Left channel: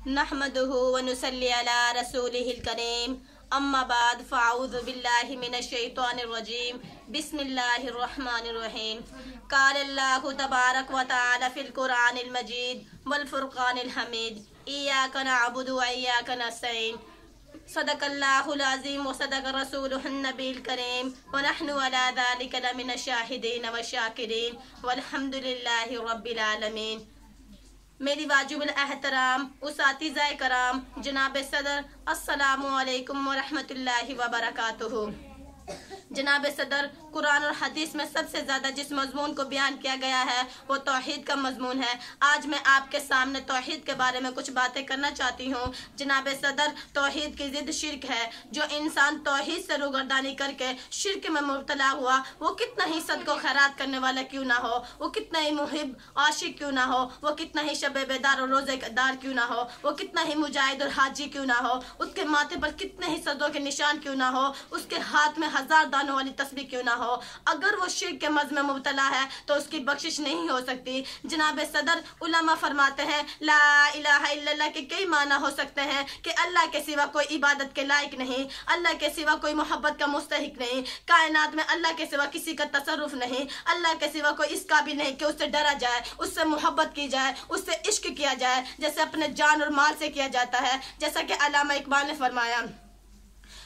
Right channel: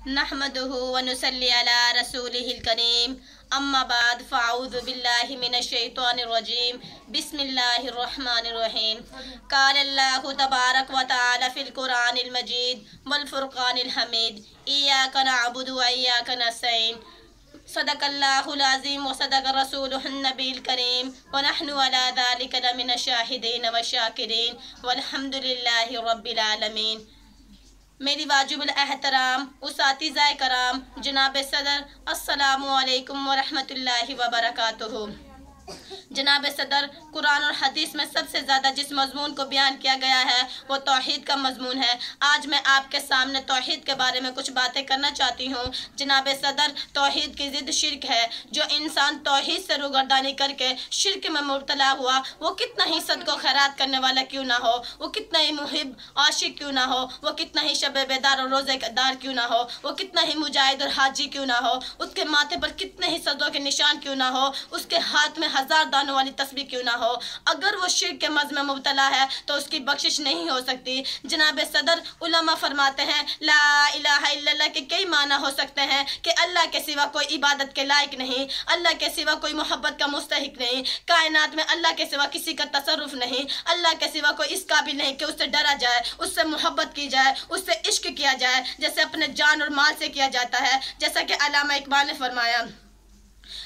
नहमदुहु व नुसल्ली अला रसूलिहिल करीम अम्मा बाद फ़अऊज़ु बिल्लाहि मिनश शैतानिर रजीम बिस्मिल्लाहिर रहमानिर रहीम। क़ाल अल्लाहु तबारक व तआला फ़िल क़ुरानिल मजीद वल फ़ुरक़ानिल हमीद इय्याका नअबुदु व इय्याका नस्तईन। सदक़ल्लाहुल अज़ीम व सदक़ रसूलुहुन नबील करीम व नहनु अला ज़ालिका लमिनश शाहिदीन व शाकिरीन वल्हम्दुलिल्लाहि रब्बिल आलमीन। मेरी वाजिबुल एहतराम उसातिज़ाए कराम जनाब सदर अस्सलामु अलैकुम व रहमतुल्लाहि व बरकातुहू। जनाब सदर, कुरान और हदीस में सबसे ज़्यादा जिस मज़मून को बयान किया गया है वो तौहीद का मज़मून है। आज मैं आपके सामने तौहीद के बारे में कुछ बातें करना चाहती हूँ। जनाब सदर, तौहीद की ज़िद शिर्क है। जो इंसान तौहीद से रूगर्दानी करके शिर्क में मुब्तला हुआ, वो कितना ही सदको खैरात करने वाला क्यों ना हो, वो कितना ही मुहिब आशिक क्यों ना हो, वो कितना ही शब बेदार और रोज़ेदार क्यों ना हो, वो कितना ही मुजाहिद और हाजी क्यों ना हो, उसके माथे पर कितने ही सजदों के निशान क्यों ना हो, उसके हाथ में 1000 दानों वाली तस्बीह क्यों ना हो, अगर वो शिर्क के मज़ में मुब्तला है तो उसकी बख्शिश नहीं हो सकती। जनाब सदर, उलमा फरमाते हैं ला इलाहा इल्लल्लाह के कई माना हो सकते हैं कि अल्लाह के सिवा कोई इबादत के लायक नहीं, अल्लाह के सिवा कोई मोहब्बत का मुस्तहिक नहीं, कायनात में अल्लाह के सिवा किसी का तसर्रुफ नहीं, अल्लाह के सिवा कोई इस काबिल नहीं कि उससे डरा जाए, उससे मोहब्बत की जाए, उससे इश्क किया जाए जैसे अपने जान और माल से किया जाता है। जैसा कि अल्लामा इकबाल ने फरमाया,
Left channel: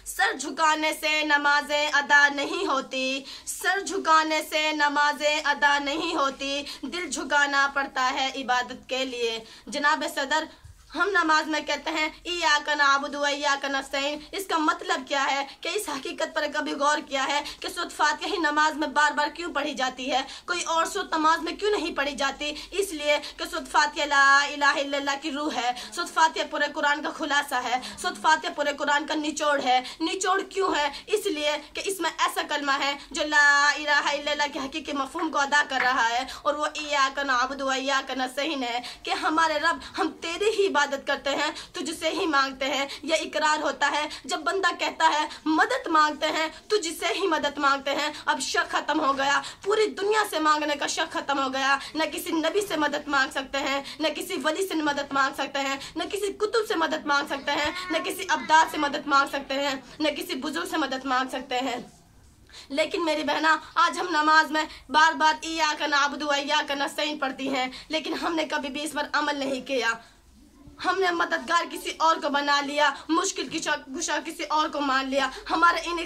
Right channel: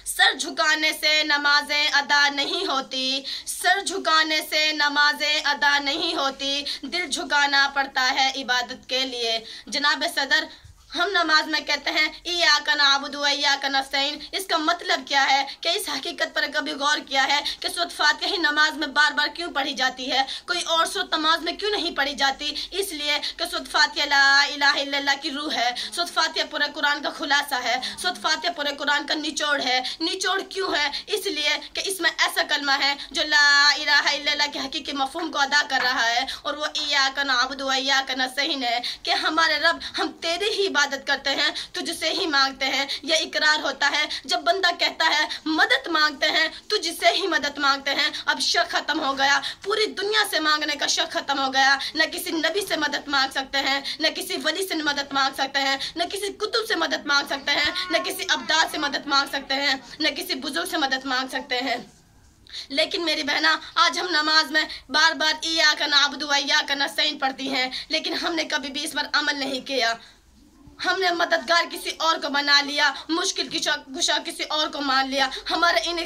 सर झुकाने से नमाजें अदा नहीं होती, सर झुकाने से नमाजें अदा नहीं होती, दिल झुकाना पड़ता है इबादत के लिए। जनाब सदर, हम नमाज में कहते हैं इय्याका नअबुदु व इय्याका नस्तईन। इसका मतलब क्या है कि इस हकीकत पर कभी गौर किया है कि सूरत फातिहा ही नमाज में बार बार क्यों पढ़ी जाती है, कोई और सूरत नमाज में क्यों नहीं पढ़ी जाती? इसलिए कि सूरत फातिहा ला इलाहा इल्लल्लाह की रूह है, सूरत फातिहा पूरे कुरान का खुलासा है, सूरत फातिहा पूरे कुरान का निचोड़ है। निचोड़ क्यों है? इसलिए कि इसमें ऐसा कलमा है जो ला इलाहा इल्लल्लाह के हकीकी मफहूम को अदा कर रहा है, और वो इय्याका नअबुदु व इय्याका नस्तईन है कि हमारे रब, हम तेरी ही इबादत करते हैं, तुझसे ही मांगते हैं। यह इकरार होता है जब बंदा कहता है मदद मांगते हैं, तुझसे ही मदद मांगते हैं। अब शक खत्म हो गया, पूरी दुनिया से मांगने का शक खत्म हो गया। न किसी नबी से मदद मांग सकते हैं, न किसी वली से मदद मांग सकते हैं, न किसी कुतुब से मदद मांग सकते हैं, न किसी अब्दाल से मदद मांग सकते हैं, न किसी बुजुर्ग से मदद मांग सकते हैं। लेकिन मेरी बहना, आज हम नमाज में बार बार इय्याका नअबुदु व इय्याका नस्तईन पढ़ती हैं, लेकिन हमने कभी भी इस पर अमल नहीं किया। हमने मददगार किसी और को बना लिया, मुश्किल की कुशा किसी और को मान लिया। हमारे इन